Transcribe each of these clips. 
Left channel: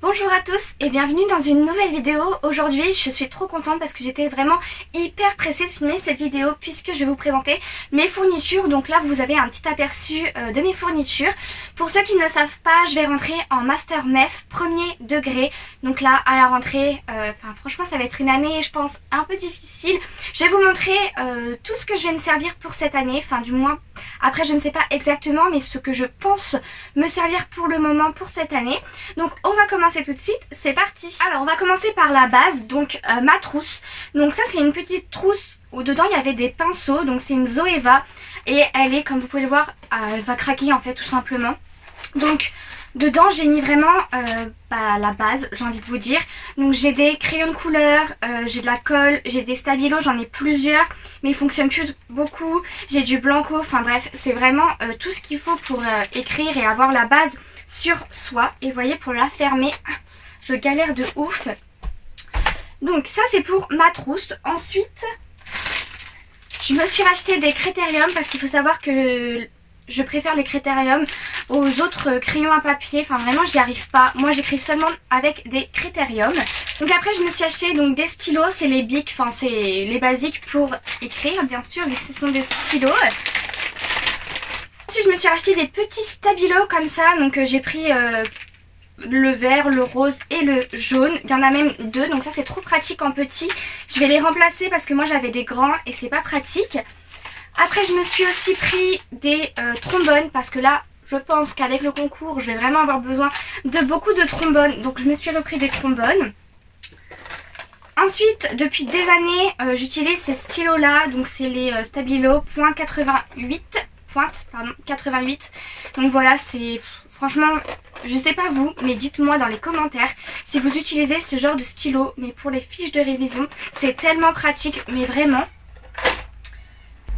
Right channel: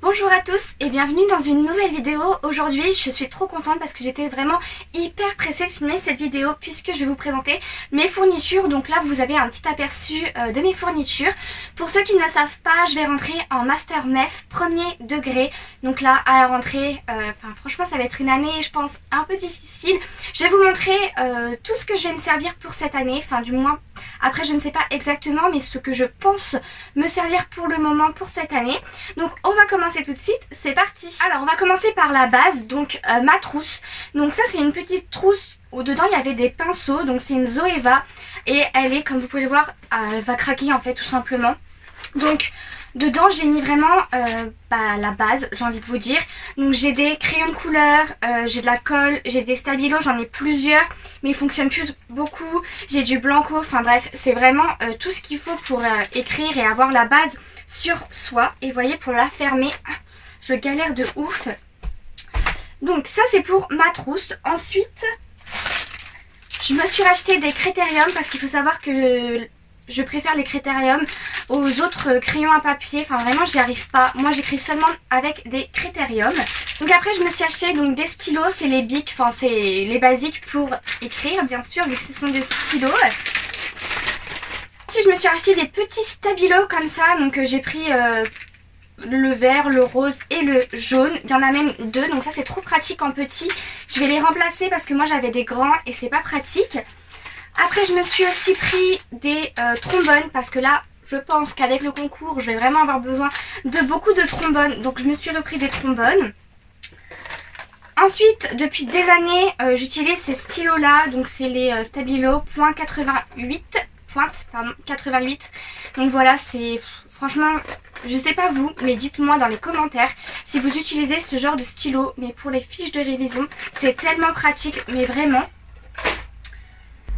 Bonjour à tous et bienvenue dans une nouvelle vidéo. Aujourd'hui je suis trop contente parce que j'étais vraiment hyper pressée de filmer cette vidéo puisque je vais vous présenter mes fournitures. Donc là vous avez un petit aperçu de mes fournitures. Pour ceux qui ne le savent pas, je vais rentrer en Master MEF premier degré. Donc là à la rentrée, franchement ça va être une année je pense un peu difficile. Je vais vous montrer tout ce que je vais me servir pour cette année, enfin du moins après je ne sais pas exactement mais ce que je pense me servir pour le moment pour cette année. Donc on va commencer tout de suite, c'est parti. Alors on va commencer par la base, donc ma trousse. Donc ça c'est une petite trousse où dedans il y avait des pinceaux, donc c'est une Zoeva et elle est, comme vous pouvez le voir, elle va craquer en fait tout simplement. Donc dedans j'ai mis vraiment la base, j'ai envie de vous dire. Donc j'ai des crayons de couleur, j'ai de la colle, j'ai des stabilos, j'en ai plusieurs mais ils fonctionnent plus beaucoup. J'ai du blanco, enfin bref c'est vraiment tout ce qu'il faut pour écrire et avoir la base sur soi. Et voyez, pour la fermer je galère de ouf. Donc ça c'est pour ma trousse. Ensuite je me suis racheté des critériums parce qu'il faut savoir que je préfère les critériums aux autres crayons à papier. Enfin vraiment j'y arrive pas. Moi j'écris seulement avec des critériums. Donc après je me suis acheté donc des stylos. C'est les bics, enfin c'est les basiques pour écrire bien sûr vu que ce sont des stylos. Ensuite je me suis racheté des petits stabilos comme ça. Donc j'ai pris le vert, le rose et le jaune. Il y en a même deux, donc ça c'est trop pratique en petit. Je vais les remplacer parce que moi j'avais des grands et c'est pas pratique. Après je me suis aussi pris des trombones parce que là je pense qu'avec le concours je vais vraiment avoir besoin de beaucoup de trombones. Donc je me suis repris des trombones. Ensuite depuis des années j'utilise ces stylos là. Donc c'est les Stabilo .88. Donc voilà, c'est franchement, je sais pas vous, mais dites-moi dans les commentaires si vous utilisez ce genre de stylo. Mais pour les fiches de révision, c'est tellement pratique, mais vraiment.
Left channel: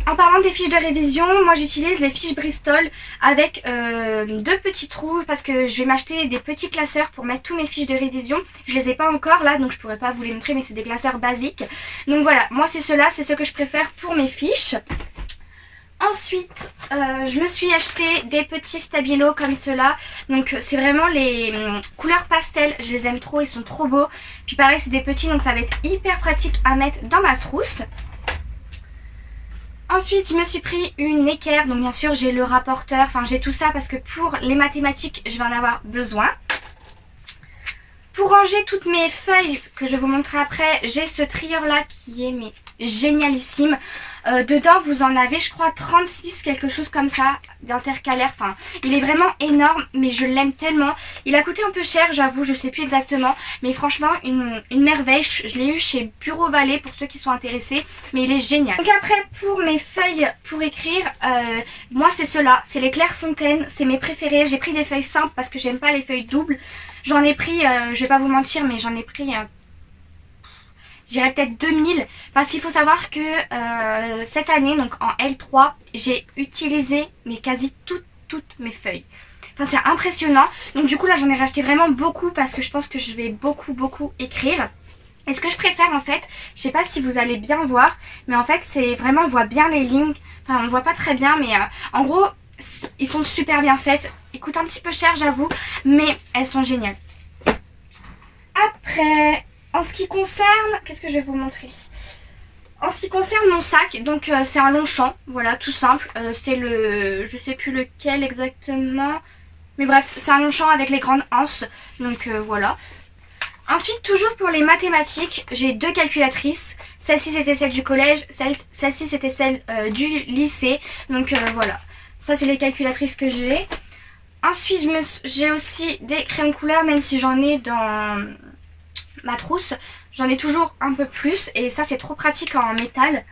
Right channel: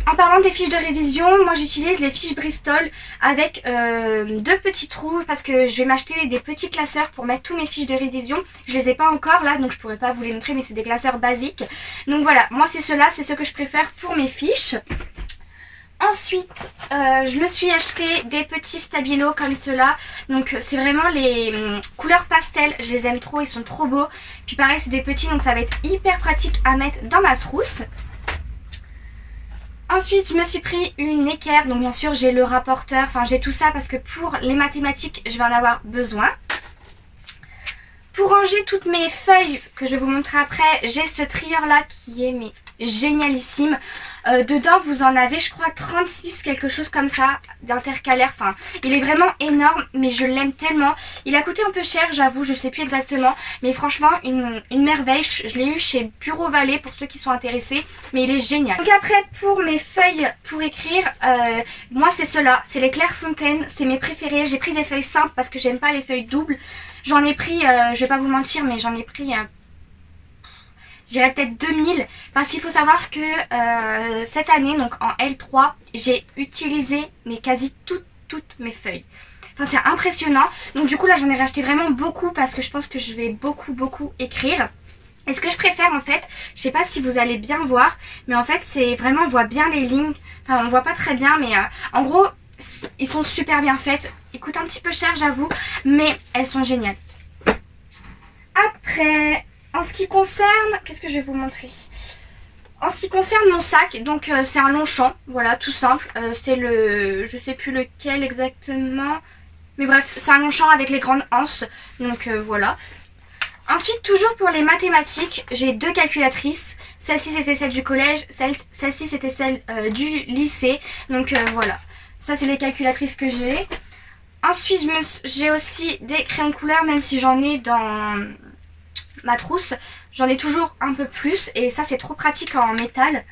En parlant des fiches de révision, moi j'utilise les fiches Bristol avec deux petits trous parce que je vais m'acheter des petits classeurs pour mettre tous mes fiches de révision. Je les ai pas encore là donc je pourrais pas vous les montrer mais c'est des classeurs basiques. Donc voilà, moi c'est ceux-là, c'est ceux que je préfère pour mes fiches. Ensuite, je me suis acheté des petits stabilos comme ceux-là. Donc c'est vraiment les couleurs pastel. Je les aime trop, ils sont trop beaux. Puis pareil, c'est des petits, donc ça va être hyper pratique à mettre dans ma trousse. Ensuite, je me suis pris une équerre. Donc bien sûr, j'ai le rapporteur. Enfin, j'ai tout ça parce que pour les mathématiques, je vais en avoir besoin. Pour ranger toutes mes feuilles que je vais vous montrer après, j'ai ce trieur-là qui est génialissime. Dedans vous en avez je crois 36, quelque chose comme ça, d'intercalaire. Enfin il est vraiment énorme mais je l'aime tellement. Il a coûté un peu cher j'avoue, je sais plus exactement. Mais franchement une merveille. Je l'ai eu chez Bureau Vallée pour ceux qui sont intéressés. Mais il est génial. Donc après pour mes feuilles pour écrire, moi c'est ceux-là. C'est les Clairefontaine, c'est mes préférés. J'ai pris des feuilles simples parce que j'aime pas les feuilles doubles. J'en ai pris, je vais pas vous mentir mais j'en ai pris... je dirais peut-être 2000 parce qu'il faut savoir que cette année donc en L3 j'ai utilisé mais quasi toutes mes feuilles. Enfin c'est impressionnant. Donc du coup là j'en ai racheté vraiment beaucoup parce que je pense que je vais beaucoup écrire. Et ce que je préfère en fait, je sais pas si vous allez bien voir, mais en fait c'est vraiment on voit bien les lignes. Enfin on voit pas très bien mais en gros ils sont super bien faites. Ils coûtent un petit peu cher j'avoue mais elles sont géniales. Après... en ce qui concerne, qu'est-ce que je vais vous montrer? En ce qui concerne mon sac, donc c'est un Longchamp, voilà tout simple. C'est le, je sais plus lequel exactement, mais bref c'est un Longchamp avec les grandes anses, donc voilà. Ensuite toujours pour les mathématiques, j'ai deux calculatrices. Celle-ci c'était celle du collège, celle-ci c'était celle du lycée, donc voilà. Ça c'est les calculatrices que j'ai. Ensuite j'ai aussi des crayons de couleur même si j'en ai dans... ma trousse, j'en ai toujours un peu plus et ça c'est trop pratique en métal.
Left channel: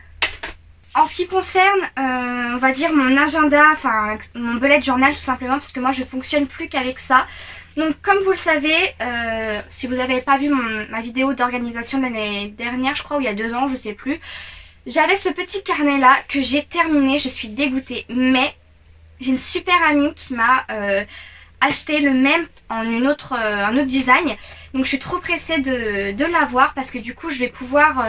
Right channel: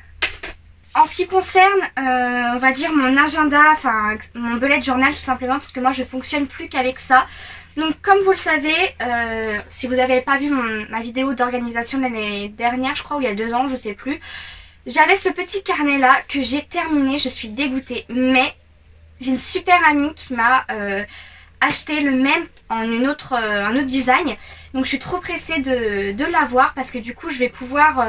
En ce qui concerne on va dire mon agenda, enfin mon bullet journal tout simplement parce que moi je fonctionne plus qu'avec ça. Donc comme vous le savez, si vous n'avez pas vu ma vidéo d'organisation de l'année dernière je crois ou il y a 2 ans je sais plus, j'avais ce petit carnet là que j'ai terminé, je suis dégoûtée mais j'ai une super amie qui m'a acheté le même en un autre design. Donc je suis trop pressée de l'avoir parce que du coup je vais pouvoir...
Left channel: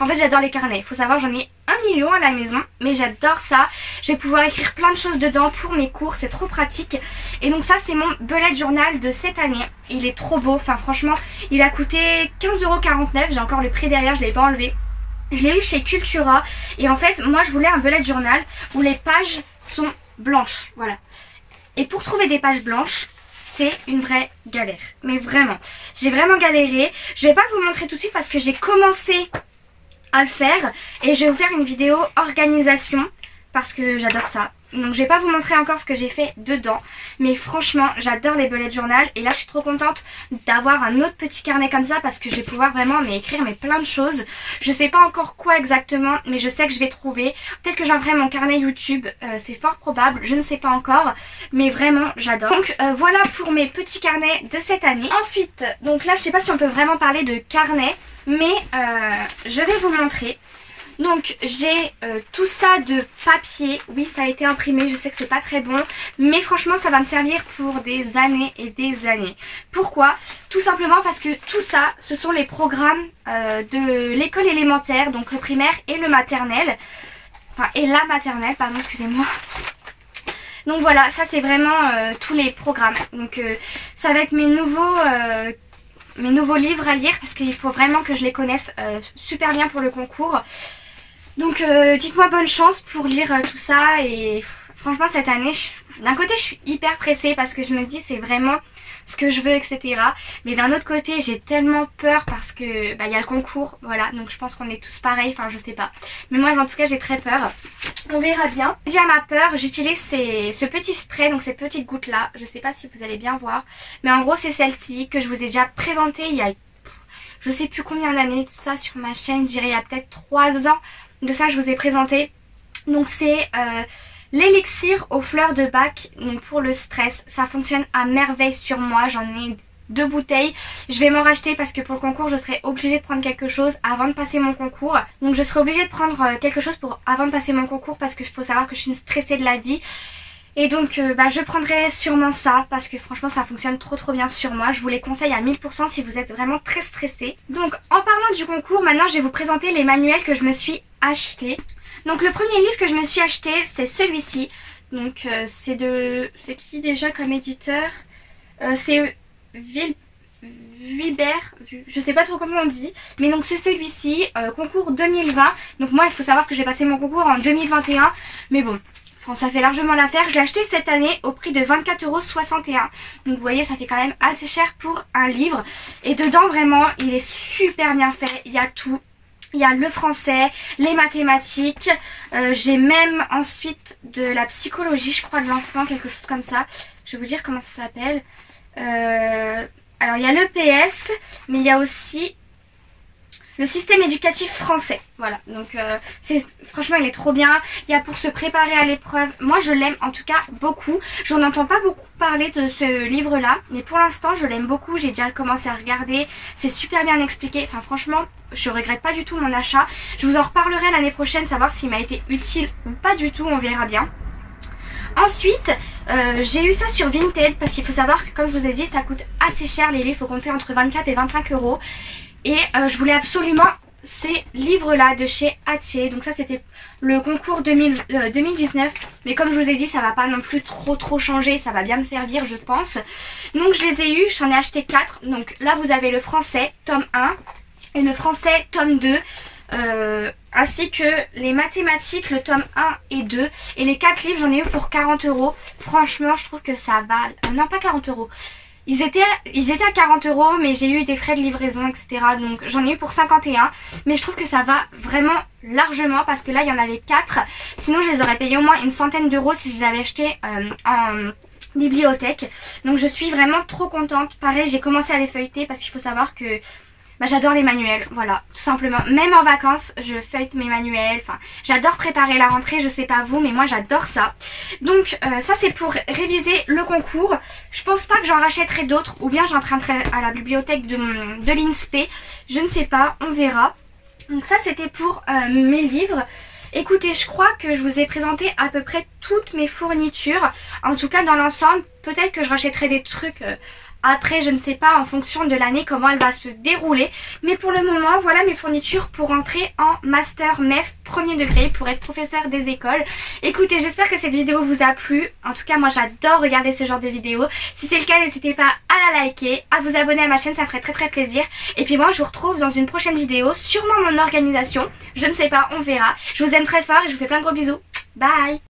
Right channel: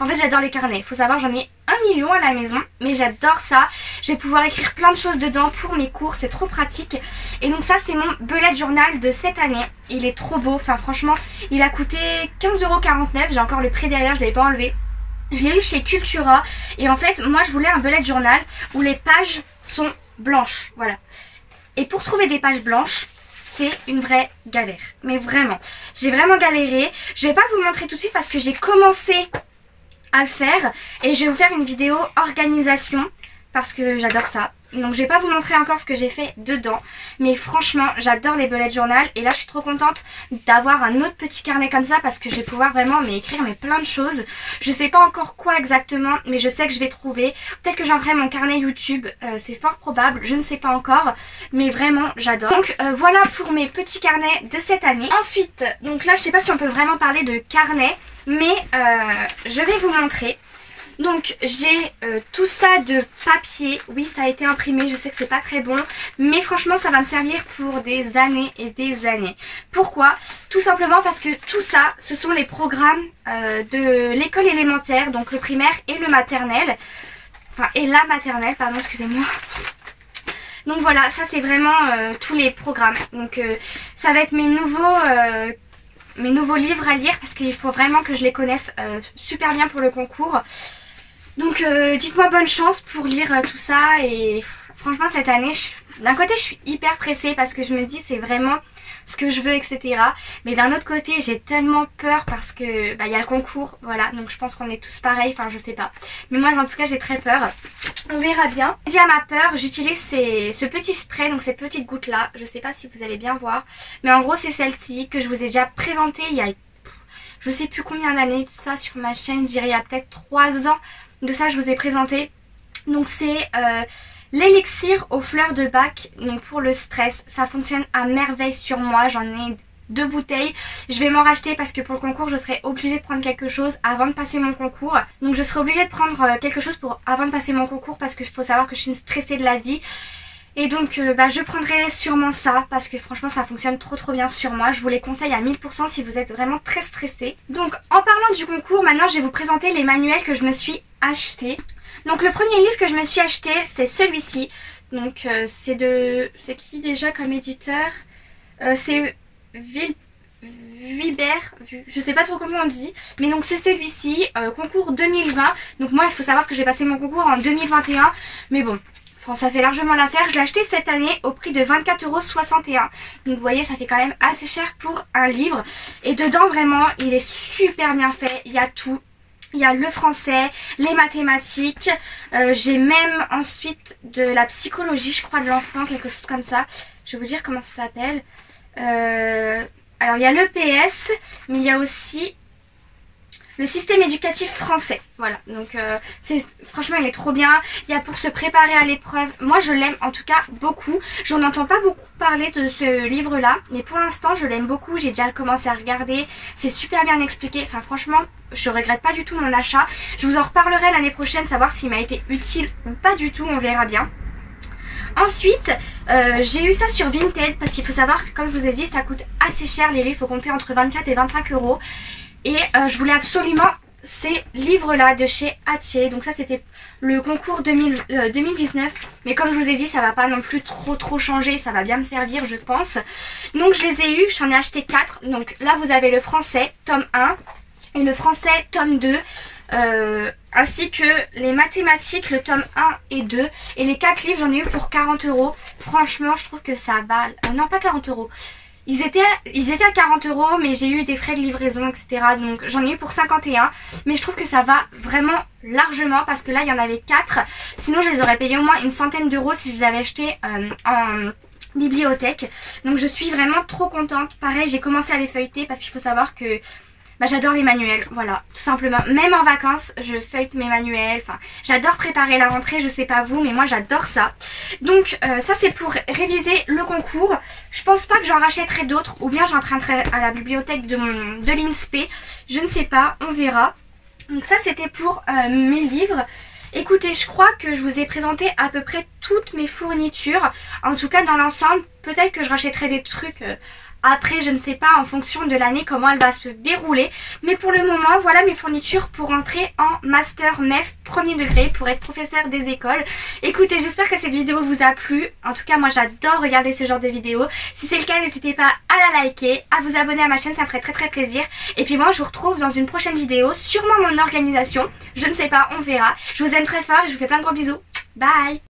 en fait j'adore les carnets. Il faut savoir j'en ai 1 million à la maison. Mais j'adore ça. Je vais pouvoir écrire plein de choses dedans pour mes cours. C'est trop pratique. Et donc ça c'est mon bullet journal de cette année. Il est trop beau. Enfin franchement il a coûté 15,49 €. J'ai encore le prix derrière, je ne l'ai pas enlevé. Je l'ai eu chez Cultura. Et en fait moi je voulais un bullet journal où les pages sont blanches. Voilà. Et pour trouver des pages blanches, c'est une vraie galère. Mais vraiment, j'ai vraiment galéré. Je vais pas vous montrer tout de suite parce que j'ai commencé à le faire. Et je vais vous faire une vidéo organisation parce que j'adore ça. Donc je vais pas vous montrer encore ce que j'ai fait dedans. Mais franchement, j'adore les bullet journal. Et là, je suis trop contente d'avoir un autre petit carnet comme ça parce que je vais pouvoir vraiment écrire plein de choses. Je sais pas encore quoi exactement, mais je sais que je vais trouver. Peut-être que j'en ferai mon carnet YouTube. C'est fort probable, je ne sais pas encore. Mais vraiment, j'adore. Donc voilà pour mes petits carnets de cette année. Ensuite, donc là, je sais pas si on peut vraiment parler de carnet. Mais je vais vous montrer. Donc j'ai tout ça de papier. Oui, ça a été imprimé, je sais que c'est pas très bon, mais franchement ça va me servir pour des années et des années. Pourquoi? Tout simplement parce que tout ça, ce sont les programmes de l'école élémentaire, donc le primaire et le maternel. Enfin, et la maternelle, pardon, excusez-moi. Donc voilà, ça c'est vraiment tous les programmes. Donc ça va être mes nouveaux livres à lire parce qu'il faut vraiment que je les connaisse super bien pour le concours. Donc dites-moi bonne chance pour lire tout ça. Et franchement cette année, d'un côté je suis hyper pressée parce que je me dis c'est vraiment ce que je veux, etc. Mais d'un autre côté j'ai tellement peur parce que y a le concours, voilà. Donc je pense qu'on est tous pareils, enfin je sais pas. Mais moi en tout cas j'ai très peur. On verra bien. Dit à ma peur, j'utilise ce petit spray, donc ces petites gouttes là. Je sais pas si vous allez bien voir. Mais en gros c'est celle-ci que je vous ai déjà présentée il y a je sais plus combien d'années de ça sur ma chaîne. Je dirais il y a peut-être 3 ans de ça je vous ai présenté. Donc c'est l'élixir aux fleurs de bac, donc pour le stress. Ça fonctionne à merveille sur moi. J'en ai 2 bouteilles. Je vais m'en racheter parce que pour le concours je serai obligée de prendre quelque chose avant de passer mon concours. Donc je serai obligée de prendre quelque chose avant de passer mon concours parce qu'il faut savoir que je suis une stressée de la vie. Et donc je prendrai sûrement ça parce que franchement ça fonctionne trop bien sur moi. Je vous les conseille à 1000% si vous êtes vraiment très stressé. Donc en parlant du concours, maintenant je vais vous présenter les manuels que je me suis acheté. Donc le premier livre que je me suis acheté c'est celui-ci. Donc c'est qui déjà comme éditeur? C'est Vuibert, je sais pas trop comment on dit. Mais donc c'est celui-ci, concours 2020. Donc moi il faut savoir que j'ai passé mon concours en 2021. Mais bon, ça fait largement l'affaire. Je l'ai acheté cette année au prix de 24,61 €. Donc vous voyez ça fait quand même assez cher pour un livre. Et dedans vraiment il est super bien fait. Il y a tout. Il y a le français, les mathématiques. J'ai même ensuite de la psychologie je crois de l'enfant, quelque chose comme ça. Je vais vous dire comment ça s'appelle. Alors il y a l'EPS mais il y a aussi le système éducatif français. Voilà, donc franchement il est trop bien. Il y a pour se préparer à l'épreuve. Moi je l'aime en tout cas beaucoup. J'en entends pas beaucoup parler de ce livre là, mais pour l'instant je l'aime beaucoup. J'ai déjà commencé à regarder. C'est super bien expliqué. Enfin franchement je regrette pas du tout mon achat. Je vous en reparlerai l'année prochaine, savoir s'il m'a été utile ou pas du tout, on verra bien. Ensuite, j'ai eu ça sur Vinted parce qu'il faut savoir que comme je vous ai dit ça coûte assez cher les livres. Il faut compter entre 24 et 25 €. Et je voulais absolument ces livres là de chez Hachette. Donc ça c'était le concours 2019. Mais comme je vous ai dit ça va pas non plus trop changer. Ça va bien me servir je pense. Donc je les ai eus, j'en ai acheté 4. Donc là vous avez le français tome 1 et le français tome 2. Ainsi que les mathématiques le tome 1 et 2. Et les 4 livres j'en ai eu pour 40 €. Franchement je trouve que ça va... non pas 40 €. Ils étaient à 40 € mais j'ai eu des frais de livraison etc. Donc j'en ai eu pour 51. Mais je trouve que ça va vraiment largement parce que là il y en avait 4. Sinon je les aurais payés au moins une centaine d'euros si je les avais achetés en bibliothèque. Donc je suis vraiment trop contente. Pareil j'ai commencé à les feuilleter parce qu'il faut savoir que... j'adore les manuels, voilà, tout simplement. Même en vacances, je feuillete mes manuels. Enfin, j'adore préparer la rentrée, je sais pas vous, mais moi j'adore ça. Donc ça c'est pour réviser le concours. Je pense pas que j'en rachèterai d'autres ou bien j'emprunterai à la bibliothèque de l'INSPE. Je ne sais pas, on verra. Donc ça c'était pour mes livres. Écoutez, je crois que je vous ai présenté à peu près toutes mes fournitures. En tout cas dans l'ensemble, peut-être que je rachèterai des trucs après, je ne sais pas en fonction de l'année comment elle va se dérouler. Mais pour le moment, voilà mes fournitures pour entrer en Master MEF premier degré, pour être professeur des écoles. Écoutez, j'espère que cette vidéo vous a plu. En tout cas, moi j'adore regarder ce genre de vidéos. Si c'est le cas, n'hésitez pas à la liker, à vous abonner à ma chaîne, ça me ferait très plaisir. Et puis moi, je vous retrouve dans une prochaine vidéo, sûrement mon organisation. Je ne sais pas, on verra. Je vous aime très fort et je vous fais plein de gros bisous. Bye!